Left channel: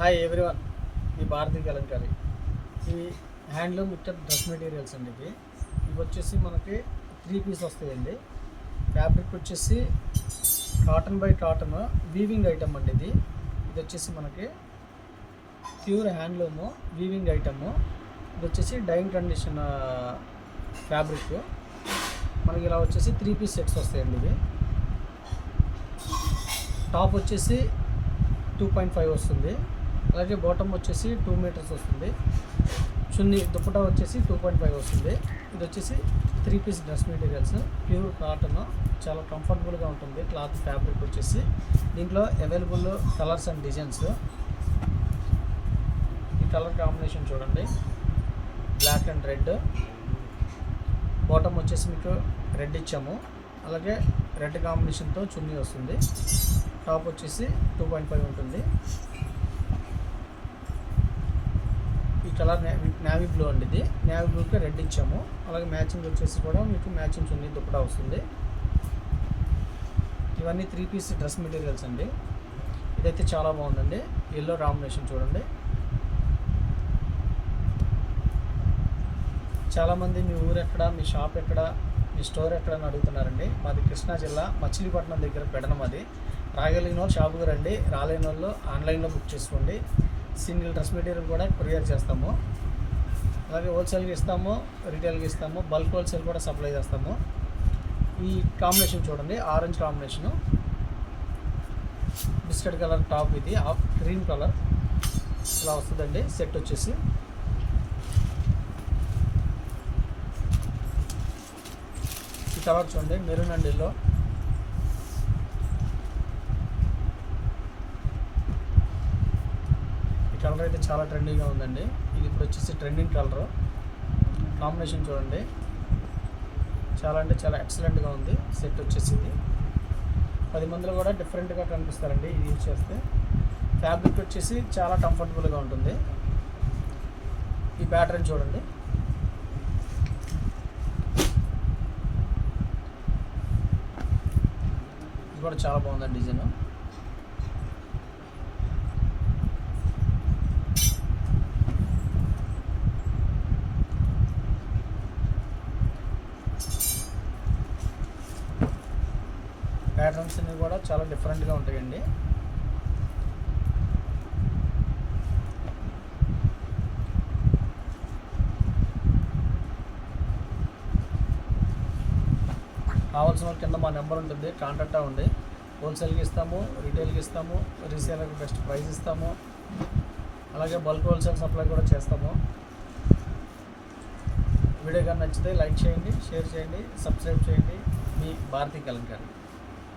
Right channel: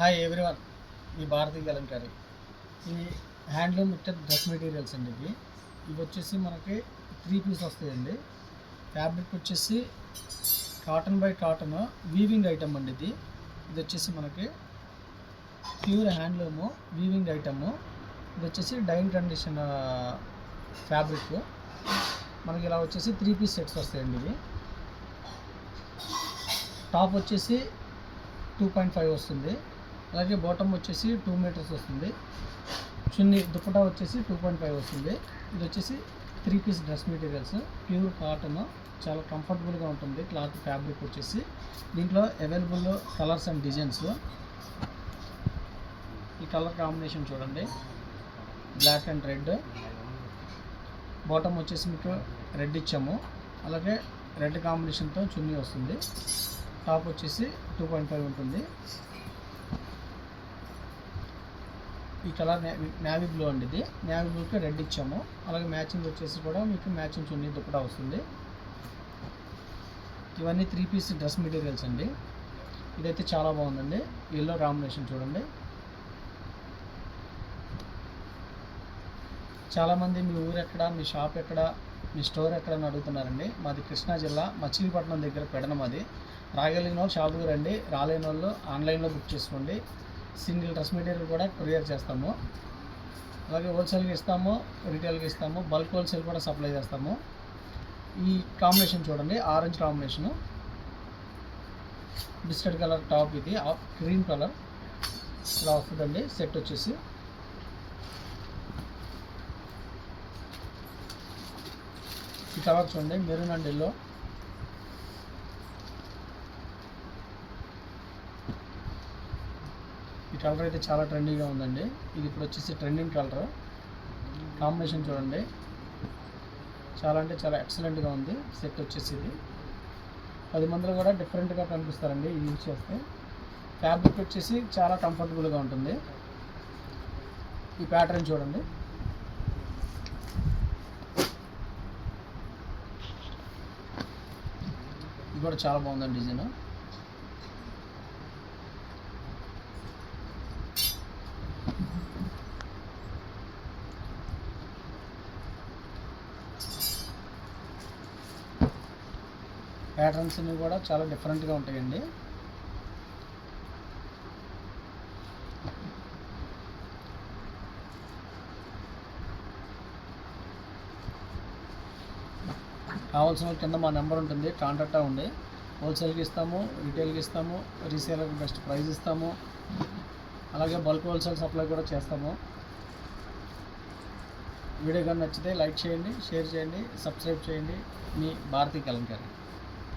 Hi everyone, ఈ భారతీయ కలంకారీ. ఈ handloom mixture dress materials అండి. ఇవి వచ్చేసి మనకి 3 పీస్ వస్తాయండి. ఫ్యాబ్రిక్ వచ్చేసి cotton by cotton weaving item అండి. ఇది వచ్చేసి మనకి ప్యూర్ హ్యాండ్లూము వీవింగ్ ఐటము. ఇది వచ్చేసి డైయింగ్ కండిషన్ ఫ్యాబ్రిక్. మనకి ఇలా వచ్చేసి 3 పీస్ సెట్స్ వస్తాయండి. ఇవి టాప్ వచ్చేసి 2.5 వస్తుంది. అలాగే బాటమ్ వచ్చేసి 2 మీటర్స్ వస్తుంది. చున్నీ దుప్పటా వచ్చేసి 2.5 వస్తుంది. ఇది వచ్చేసి 3 piece dress materials, pure cotton, చాలా కంఫర్టబుల్గా ఉంటుంది క్లాత్ ఫ్యాబ్రిక్ వచ్చేసి. దీంట్లో అవైలబుల్ కలర్స్ అండ్ డిజైన్స్. ఈ కలర్ కాంబినేషన్ చూడండి, బ్లాక్ అండ్ రెడ్. బాటమ్ వచ్చేసి మీకు రెడ్ ఇచ్చాము, అలాగే రెడ్ కాంబినేషన్తో చున్నీ వస్తుంది. టాప్ వచ్చేసి 2.5 ఉంటుంది. ఈ కలర్ నేవీ బ్లూ అండి. ఇది నేవీ బ్లూకి రెడ్ ఇచ్చాము, అలాగే మ్యాచింగ్ వచ్చేసి కూడా మీకు మ్యాచింగ్ చున్నీ దుప్పటా వస్తుంది. ఇవన్నీ 3 పీస్ డ్రెస్ మెటీరియల్స్ అండి. ఇదైతే చాలా బాగుందండి. ఎల్లో కాంబినేషన్ చూడండి. చాలామంది మీ ఊరు ఎక్కడ, మీ షాప్ ఎక్కడ, మీ స్టోర్ ఎక్కడ అని అడుగుతున్నారండి. మాది కృష్ణా జిల్లా మచిలీపట్నం దగ్గర పెడనం. అది రాగలిగిన వాళ్ళు షాపుకి రండి, రాలేని వాళ్ళు ఆన్లైన్లో బుక్ చేసుకోండి. సింగిల్ డ్రెస్ మెటీరియల్ కూడా కొరియర్ చేస్తాము. అలాగే హోల్సేల్గా ఇస్తాము, రీటైల్గా ఇస్తాము, బల్క్ హోల్సేల్ కూడా సప్లై చేస్తాము. ఈ కాంబినేషన్ చూడండి, orange combination, biscuit colour top, ఇది క్రీమ్ కలర్ ఇలా వస్తుందండి. సెట్ వచ్చేసి ఈ కలర్ చూడండి, మెరూన్ అండ్ ఎల్లో. కలర్ అయితే చాలా ట్రెండీగా ఉందండి. ఇది ఇప్పుడు వచ్చేసి ట్రెండింగ్ కలర్ కాంబినేషన్ చూడండి, చాలా అంటే చాలా ఎక్సలెంట్గా ఉంది. సెట్ వచ్చేసి ఇది 10 మందిలో కూడా డిఫరెంట్గా కనిపిస్తారండి ఇది యూజ్ చేస్తే. ఫ్యాబ్రిక్ వచ్చేసి చాలా కంఫర్టబుల్గా ఉంటుంది. ఈ ప్యాటర్న్ చూడండి, ఇది కూడా చాలా బాగుందండి డిజైన్. ప్యాటర్న్స్ అన్నీ కూడా చాలా డిఫరెంట్గా ఉంటాయండి. కావాల్సిన కింద మా నెంబర్ ఉంటుంది, కాంటాక్ట్ అవ్వండి. హోల్సేల్కి ఇస్తాము, రీటైల్కి ఇస్తాము, రీసేలర్కి బెస్ట్ ప్రైస్ ఇస్తాము, అలాగే బల్క్ హోల్సేల్ సప్లై కూడా చేస్తాము. వీడియో కానీ నచ్చితే లైక్ చేయండి, షేర్ చేయండి, సబ్స్క్రైబ్ చేయండి. మీ భారతీయ కలంకారీ.